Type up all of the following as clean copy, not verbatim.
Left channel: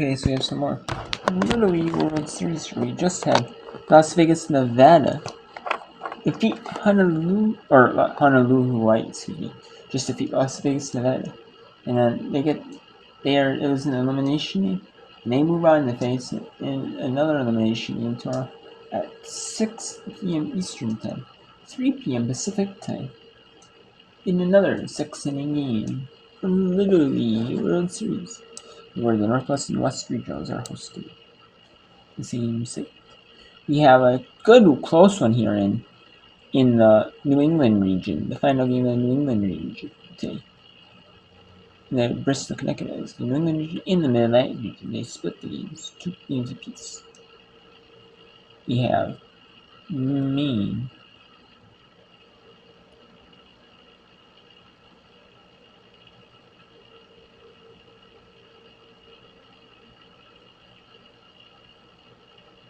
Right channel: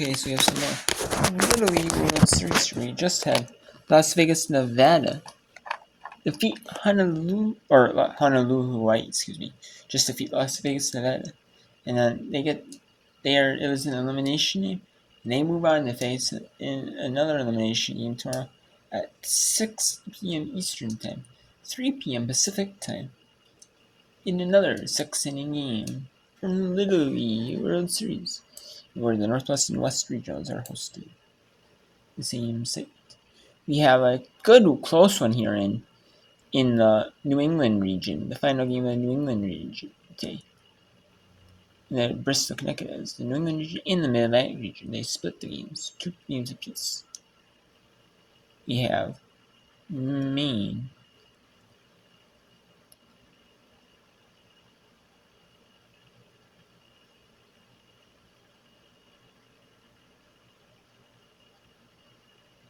Okay, so we have some more Little League World Series. We just had Las Vegas, Nevada defeat Honolulu White, excuse me. Just defeat Las Vegas, Nevada. And then it was an elimination game. And they move on to face in another elimination game tomorrow at 6 p.m. Eastern Time, 3 p.m. Pacific Time, in another 6-inning game from Little League World Series, where the Northwest and West regionals are hosted. The same site. We have a good close one here in the New England region, the final game of the New England region today. And then Bristol, Connecticut is the New England region in the Mid-Atlantic region. They split the games, 2 games apiece. We have Maine.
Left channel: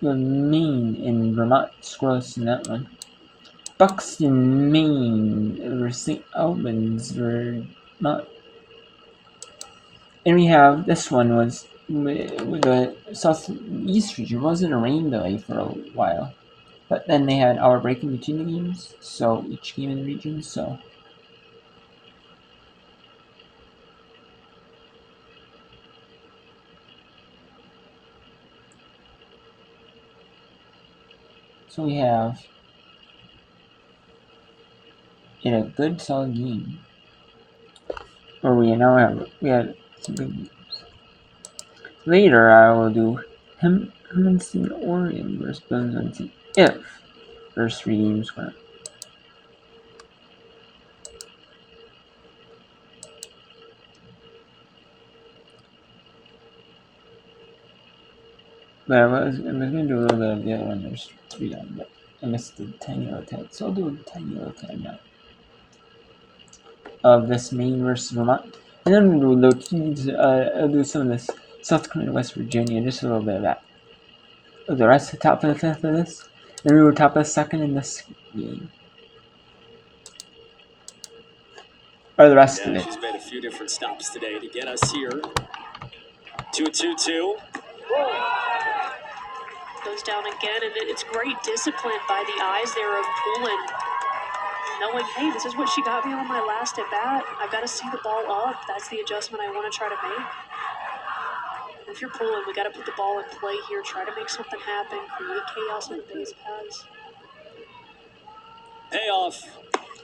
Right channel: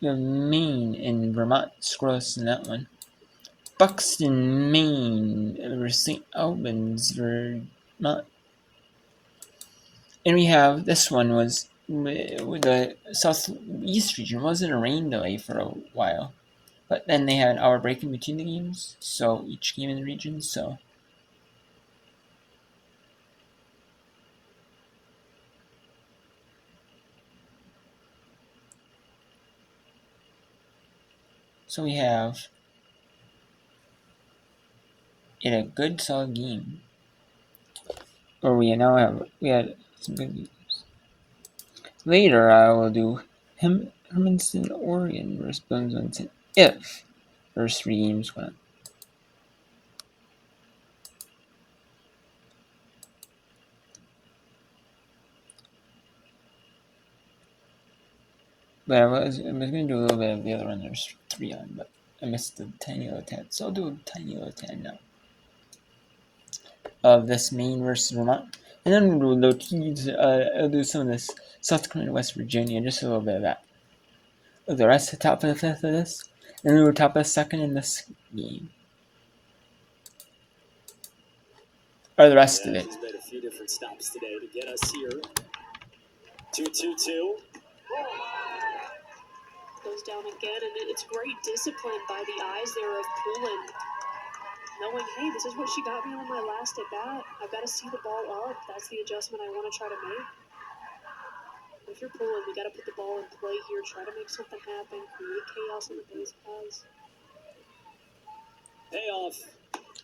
We have Maine and Vermont, scoreless in that one. Buxton, Maine versus St. Albans, Vermont. And we have, this one was with the southeast region. It wasn't a rain delay for a while. But then they had hour break in between the games, so each game in the region, so. So we have in a good solid game. Or we had some good games. Later I will do Hermanston, Oregon versus Bloomington if first 3 games went. But I was gonna do a little bit of the other one. There's 3 on, but I missed the tiny little tab, so I'll do a tiny little tab now of this Maine versus Vermont, and then we'll I'll do some of this South Dakota, West Virginia, just a little bit of that. The rest of the top of the 5th of this, and then we'll top of the 2nd in this game. Or the rest of it. She's made a few different stops today to get us here. 2-2-2. Goes down again, and it's great discipline by the eyes there of Poulin. Knowing, hey, this is what she got me on my last at bat. I've got to see the ball up. That's the adjustment I want to try to make. If you're Poulin, we got to put the ball in play here. Try to make something happen. Create chaos on the base paths. Payoff.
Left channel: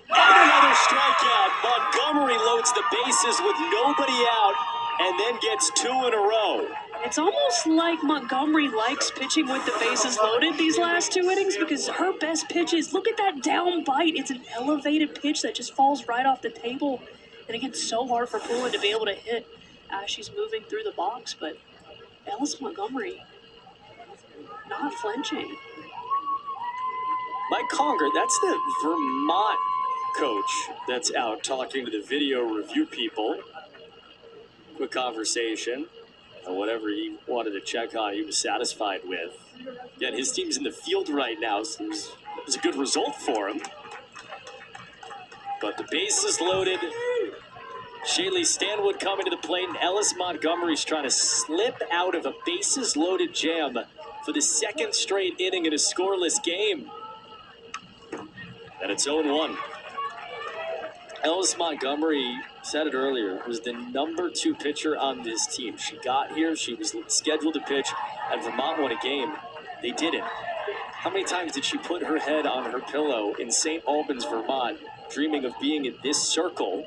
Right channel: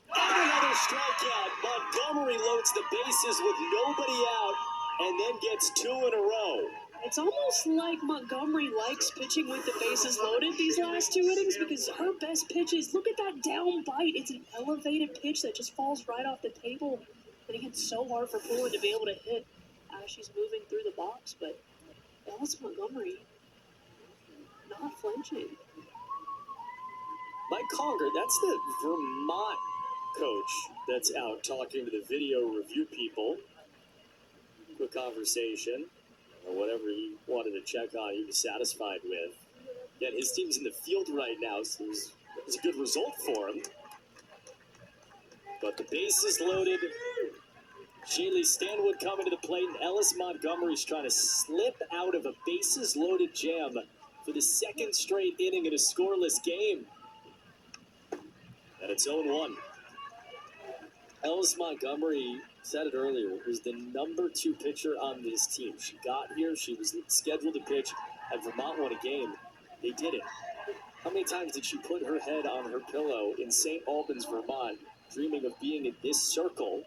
And another strikeout. Montgomery loads the bases with nobody out and then gets 2 in a row. It's almost like Montgomery likes pitching with the bases loaded these last 2 innings because her best pitch is, look at that down bite. It's an elevated pitch that just falls right off the table. And again, so hard for Poulin to be able to hit as she's moving through the box. But Ellis Montgomery not flinching. Mike Conger, that's the Vermont coach that's out talking to the video review people. Quick conversation. Whatever he wanted to check on, he was satisfied with. Yet his team's in the field right now, so it was a good result for him. But the base is loaded. Shaylee Stanwood coming to the plate, and Ellis Montgomery's trying to slip out of a bases-loaded jam for the 2nd straight inning in a scoreless game. And it's 0-1. Ellis Montgomery, said it earlier, was the number 2 pitcher on this team. She got here, she was scheduled to pitch, and Vermont won a game. They didn't. How many times did she put her head on her pillow in St. Albans, Vermont, dreaming of being in this circle?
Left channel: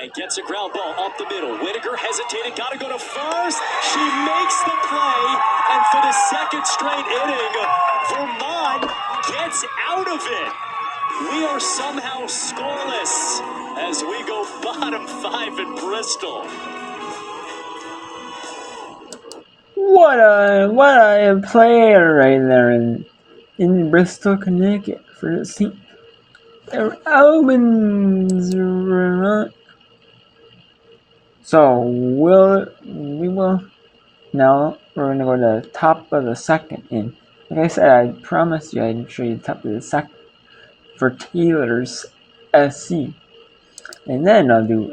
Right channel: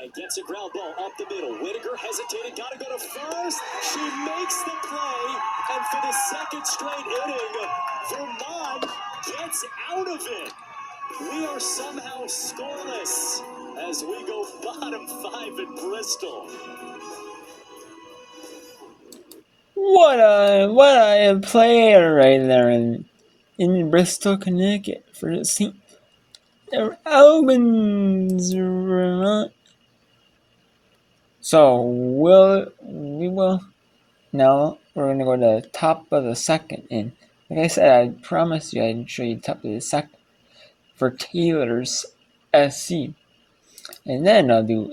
And gets a ground ball up the middle. Whitaker hesitated, gotta go to first. She makes the play, and for the 2nd straight inning, Vermont gets out of it. We are somehow scoreless as we go bottom 5 in Bristol. What a player right there in Bristol, Connecticut for St. Albans, Vermont. So we will now we're gonna go to the top of the 2nd, and like I said, I promised you I'd show you the top of the 2nd for Taylor's SC, and then I'll do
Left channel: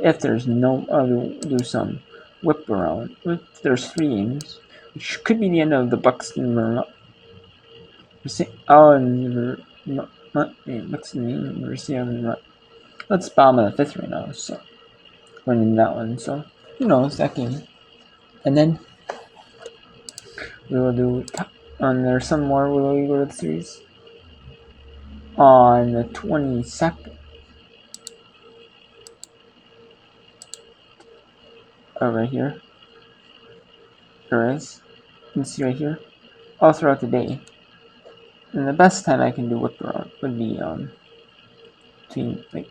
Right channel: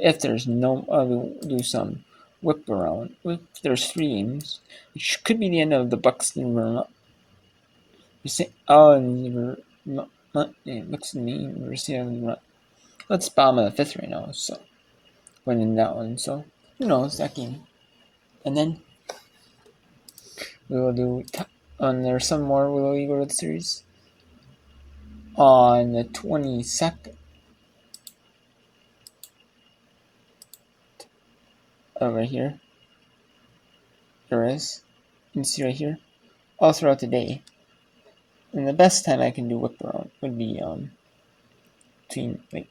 some whip around. There's 3 games, which could be the end of the Buxton run. And Buxton University of the run. Let's bomb at the 5th right now, so winning that one. So who knows that game? And then we will do. And there's some more Willow League World Series on the 22nd. Over here. There is. You can see right here. All throughout the day. And the best time I can do whip around would be between like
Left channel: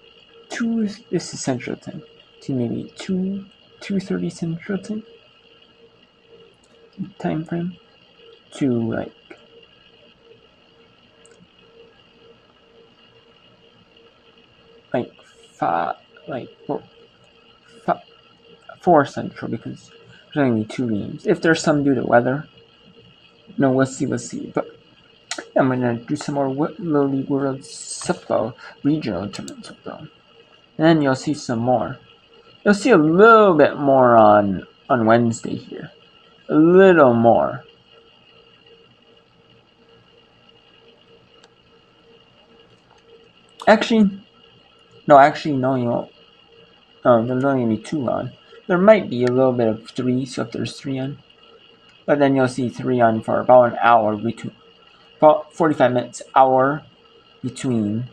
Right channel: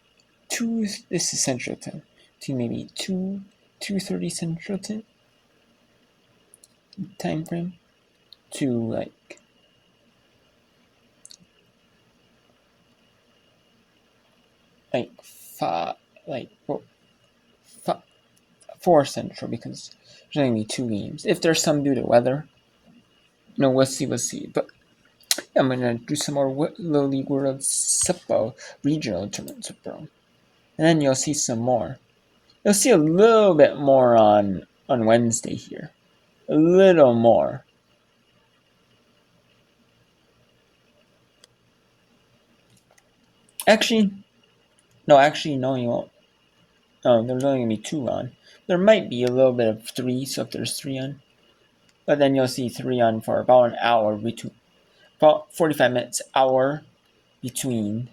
2. This is Central Time. Between maybe 2:30 Central time frame to like 4 Central, because there's only gonna be 2 games. If there's some due to weather, no, we'll see. But yeah, I'm gonna do some more Little League World Football regional tournaments with them, and then you'll see some more. You'll see a little bit more on Wednesday here, a little more. Actually, no, you won't. There's only gonna be 2 on. There might be a little bit of 3, so if there's 3 on, but then you'll see 3 on for about an hour between, about 45 minutes, hour between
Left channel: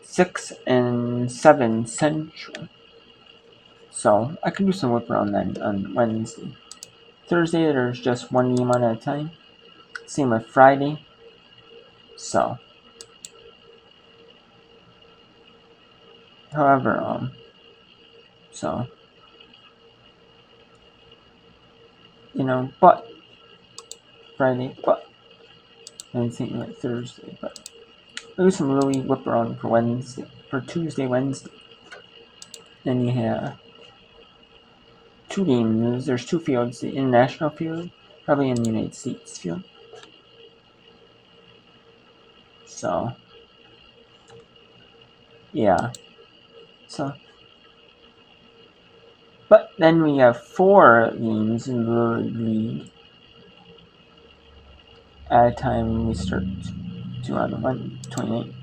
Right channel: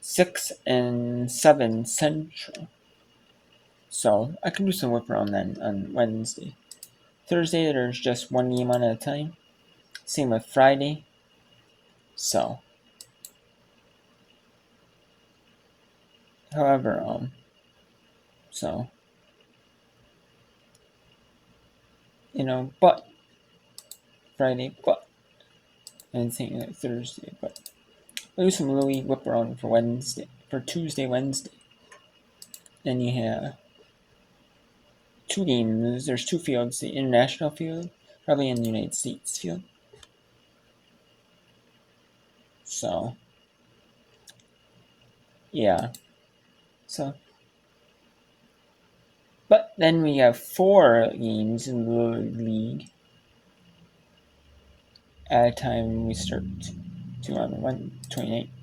6 and 7 Central. So I can do some whip around then on Wednesday. Thursday there's just 1 game on at a time. Same with Friday. So however, so but Friday, but and same like Thursday, but I'll do some Little League whip around for Tuesday, Wednesday. Then you have 2 games. There's 2 fields: the international field, probably in the United States field. So yeah. So, but then we have 4 games in the league at a time. We start to on the 28th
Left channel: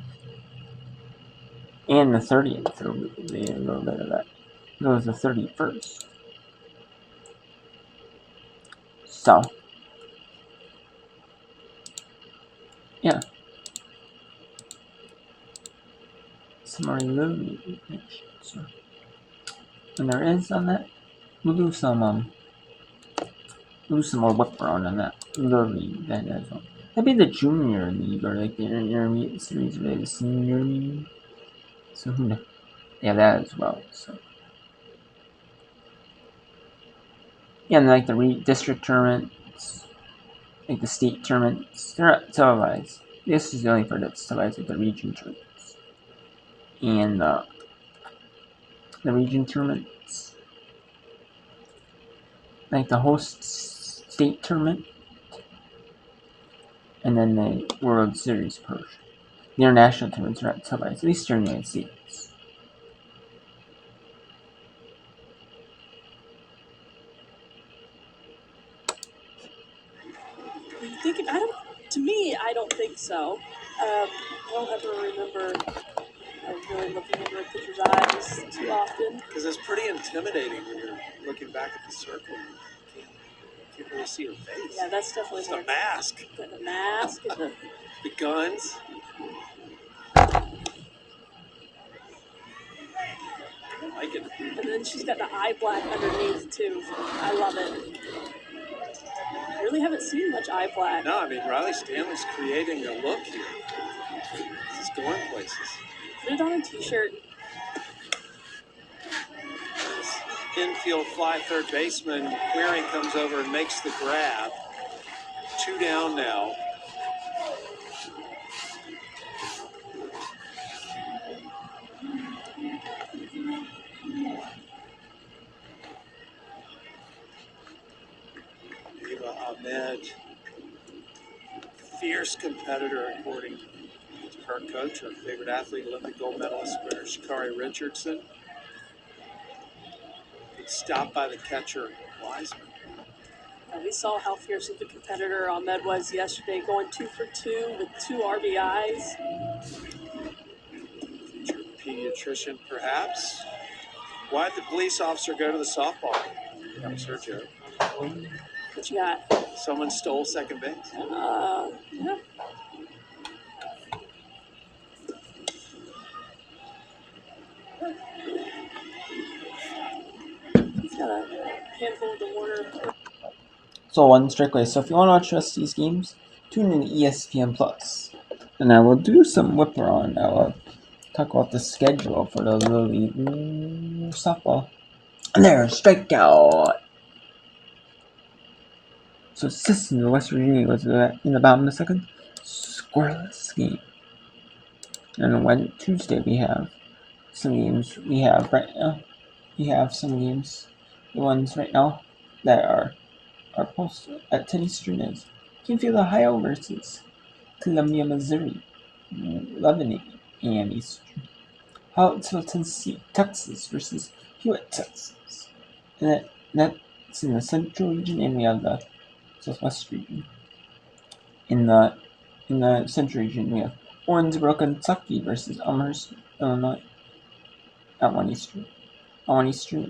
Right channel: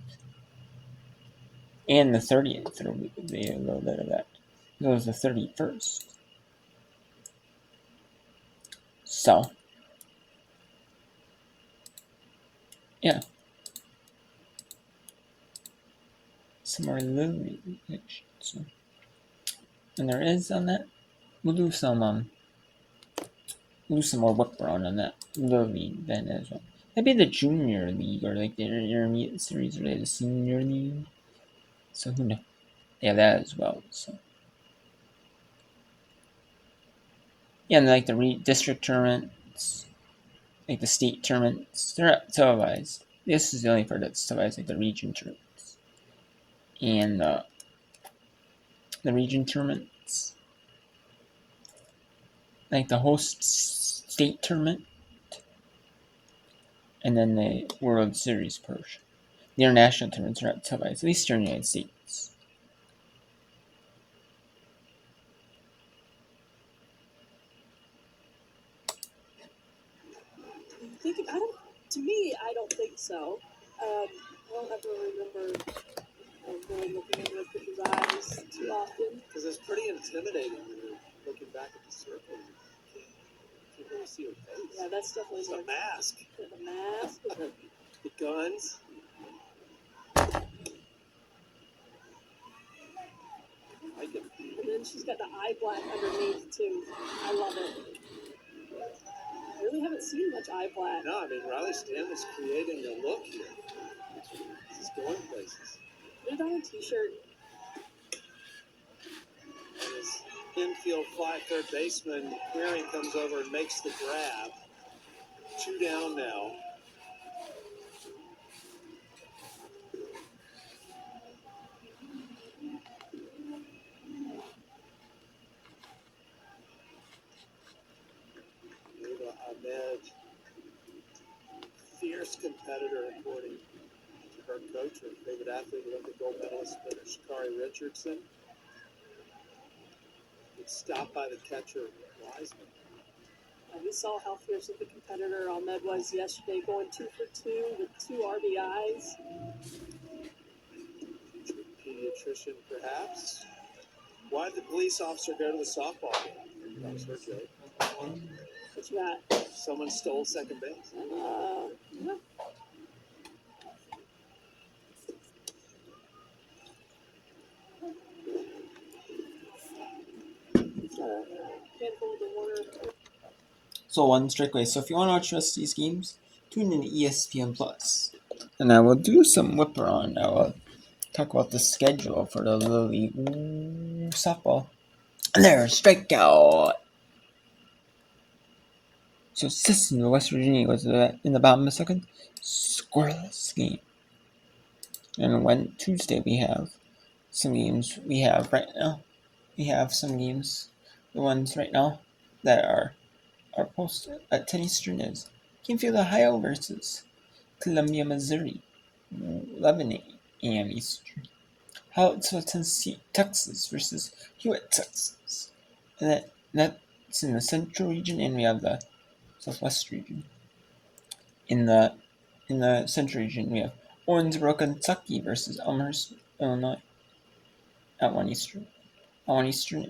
and the 30th. There will be a little bit of that. It goes the 31st. So, yeah. Some more Little League. So, and there is on that. We'll do some more whip around on that Little League then as well. Maybe the Junior League or like the Intermediate Series or like the Senior League. So who knows? Yeah, that as well. So yeah, and like the district tournaments, like the state tournaments, they're not televised. This is the only part that's televised, like the region tournaments and the region tournaments, like the host state tournament, and then the World Series portion. The international tournaments are not televised, at least here in the United States. I don't think so. I don't ever remember really looking into a pitcher's eyes too often. Because it's pretty intimidating when you're looking back at the circle. You can't really see her face. Yeah, that's definitely It's the mask. Got the mask. The guns. I like it. And then she's got the eye black underneath too. I love it. I really haven't seen much eye black. No, I mean, Riley Stanley's creating a look here. He's going places. Put it on a t-shirt. Infield fly third baseman Queering comes over and makes the grab. 2 down now. Eva Ahmed, fierce competitor according to her coach, her favorite athlete, Olympic gold medalist sprinter Sha'Carri Richardson. Stopped by the catcher, Wiseman. We saw how fierce of a competitor Ahmed was yesterday, going 2 for 2 with 2 RBIs. Future pediatrician, perhaps. Why did the police officer go to the softball? That was her joke. What you got? Someone stole second base. Yeah. He's got a handful of the Warner. So one strictly. So if you want to watch the rest of these games, tune in to ESPN Plus, and I will do some whipper on. I will talk about the schedule for the Little League softball. And there, strikeout. So Sisson, West Virginia goes in the bottom of the second. Scoreless game. And on Tuesday we have some games. We have some games. The ones right now that are posted at 10 Eastern is Canfield, Ohio versus Columbia, Missouri, 11 a.m. Eastern. Howattsville, Tennessee, Texas versus Hewitt, Texas. And that's in the Central region, and we have the Southwest region. In the Central region, we have Owensboro, Kentucky versus Elmhurst, Illinois, at 1 Eastern. At 1 Eastern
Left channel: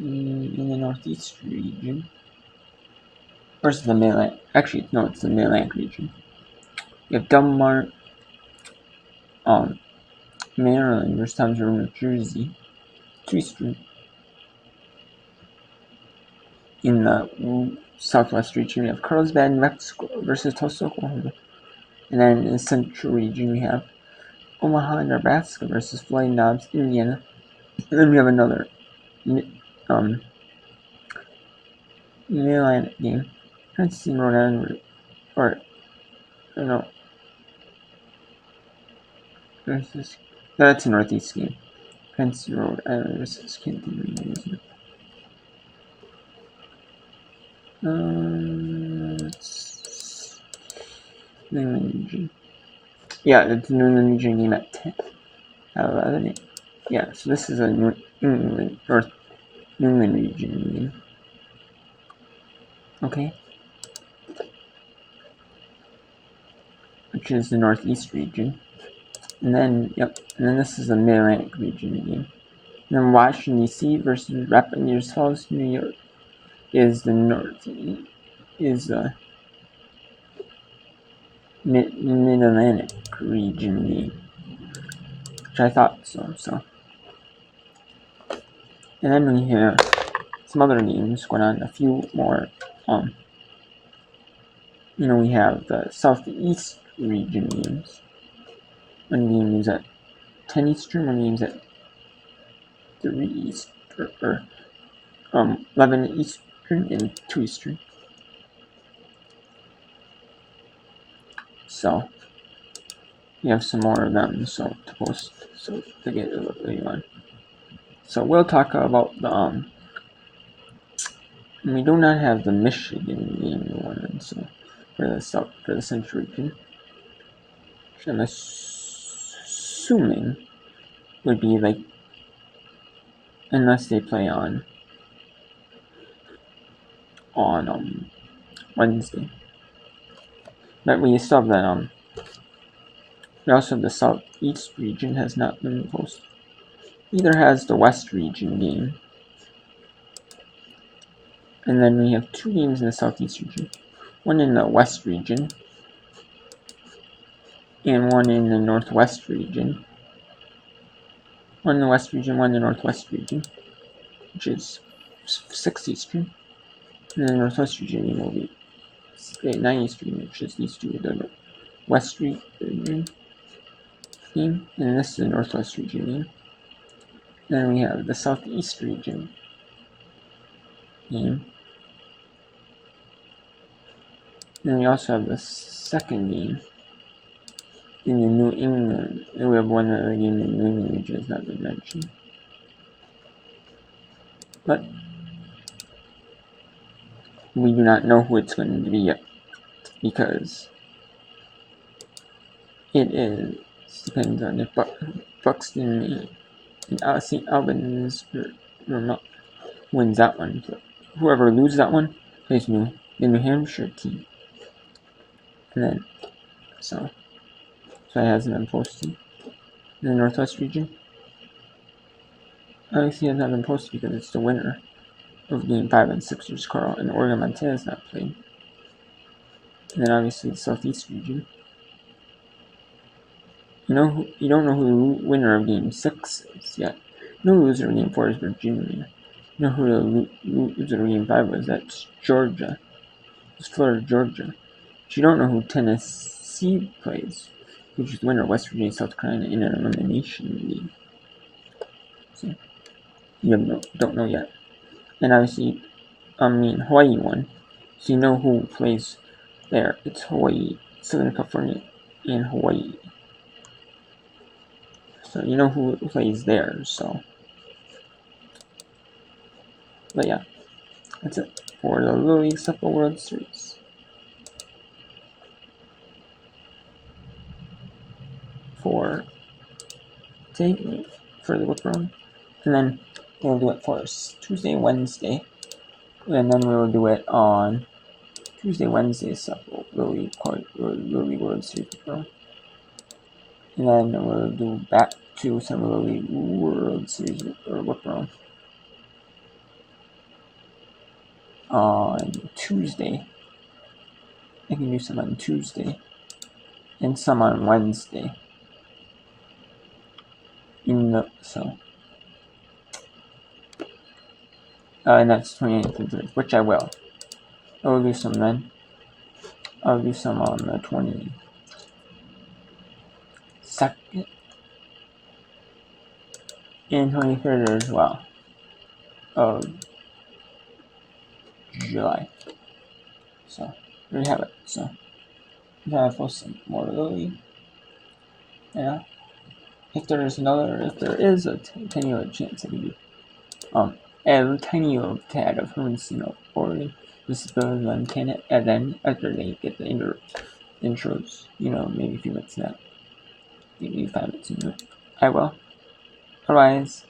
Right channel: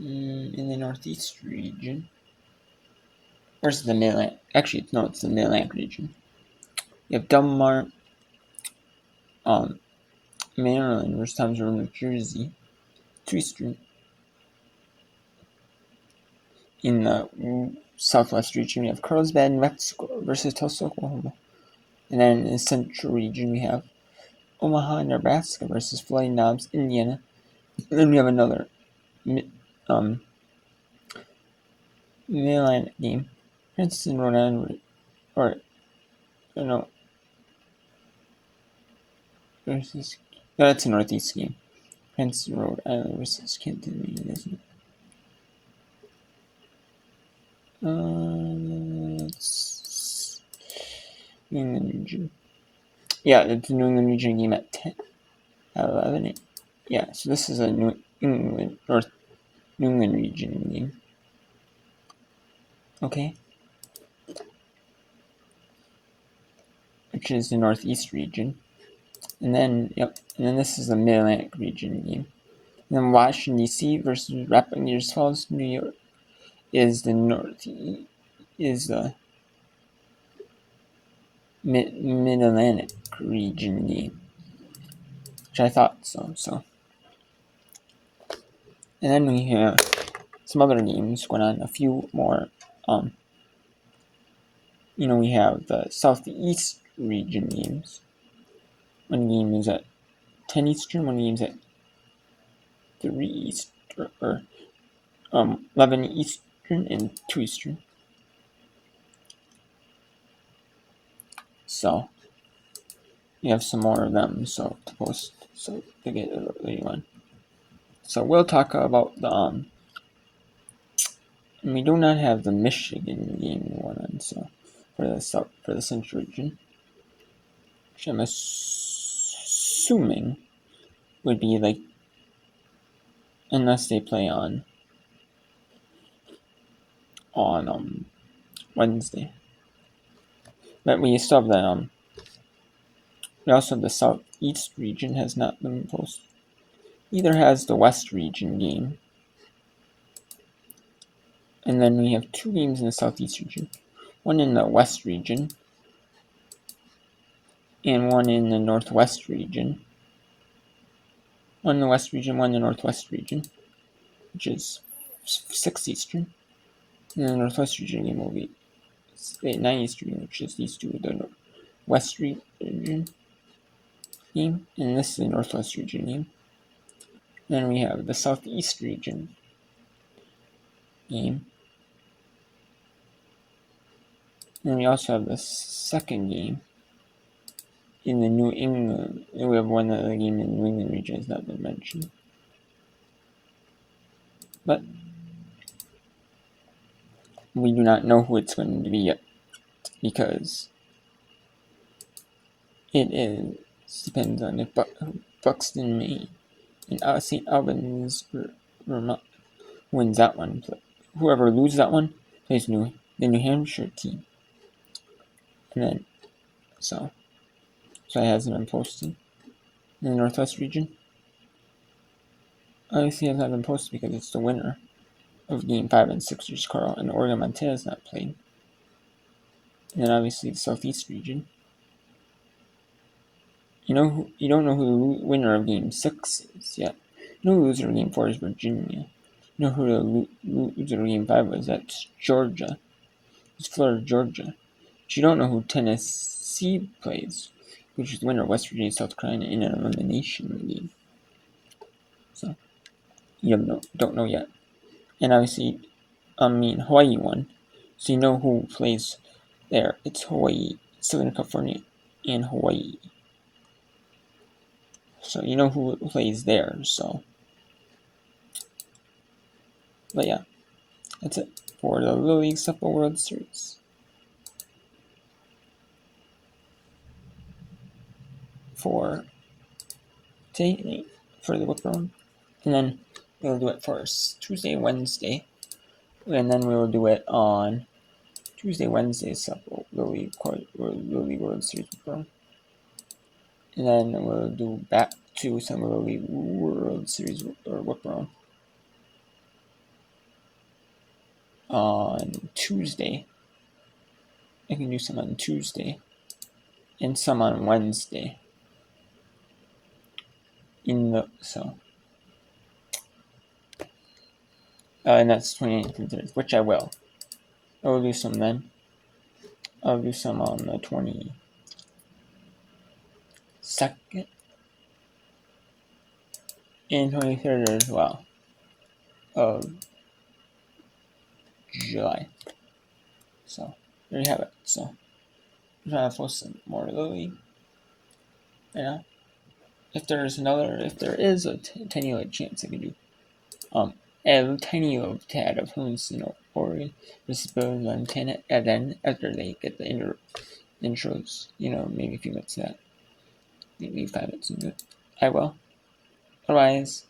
in the Northeast region. Versus the Mid-Atlantic. Actually, no, it's the Mid-Atlantic region. You have Delmar, Maryland versus Times Road, New Jersey, 2 Eastern. In the Southwest region, we have Carlsbad, New Mexico versus Tulsa, Oklahoma. And then in the Central region, we have Omaha, Nebraska versus Floyd Knobs, Indiana. And then we have another Mid-Atlantic game. Princeton, Rhode Island, versus. That's a Northeast game. Princeton, Rhode Island versus Kenton, Maine, isn't it? It's New England region. Yeah, it's the New England region game at 10. At 11. Yeah, so this is a New England region game. Okay. Which is the Northeast region. And then this is the Mid-Atlantic region game. And then Washington, D.C. versus Rapid Falls, New York is the Mid-Atlantic region game. Which I thought so. And then we have some other games going on, a few more. We have the Southeast region games. One game is at 10 Eastern, one game is at 3 Eastern, or 11 Eastern and 2 Eastern. So we have some more of them to post, to get a little on. So we'll talk about the we do not have the Michigan game going on, so for the Central region, which I'm assuming would be unless they play on Wednesday. But we still have that we also have the Southeast region has not been posted. Neither has the West region game. And then we have 2 games in the Southeast region. One in the West region. And one in the Northwest region. One in the West region, one in the Northwest region. Which is 6 Eastern. And then the Northwest region game will be 9 Eastern, which is these 2, the West region game. And this is the Northwest region game. Then we have the Southeast region game. And we also have the second game in the New England. And we have one other game in the New England region has not been mentioned. But we do not know who it's going to be yet, because it depends on if Buxton And St. Albans wins that one. Whoever loses that one plays the New Hampshire team. And then, so it hasn't been posted. In the Northwest region, obviously it hasn't been posted because it's the winner of Game 5 and Sixers Carl, and Oregon Montana is not played. And then obviously the Southeast region. You don't know who the winner of Game 6 is yet. You know who the loser of Game 4 is Virginia. You know who the loser of Game 5 was? That's Georgia. It's Florida, Georgia. But you don't know who Tennessee plays, which is the winner of West Virginia, South Carolina in an elimination game. So you don't know yet. And obviously, Hawaii won. So you know who plays there. It's Hawaii, Southern California, and Hawaii. So you know who plays there, so. But yeah, that's it for the Little League Softball World Series. For today, for the whip round. And then we'll do it for Tuesday, Wednesday. And then we'll do it on Tuesday, Wednesday, Softball Little League World Series whip round. And then we'll do back to some Little League World Series or whip round on Tuesday. I can do some on Tuesday and some on Wednesday. And that's 28th and 30th, which I will. I will do some then. I'll do some on the 22nd and 23rd as well of July. So there you have it. So I'm trying to post some more of the league. Yeah. If there is a tiny little chance I can do a tiny little tad of Hermoncino or Mississippi, Montana, and then after they get the intros, maybe a few minutes of that. Maybe 5 minutes into it. I will. Otherwise,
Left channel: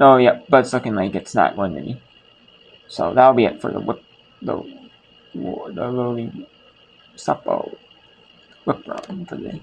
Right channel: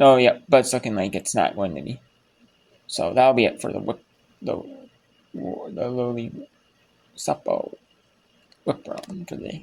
oh yeah, but it's looking like it's not going to be. So that'll be it for the Little League Softball whip round for the day.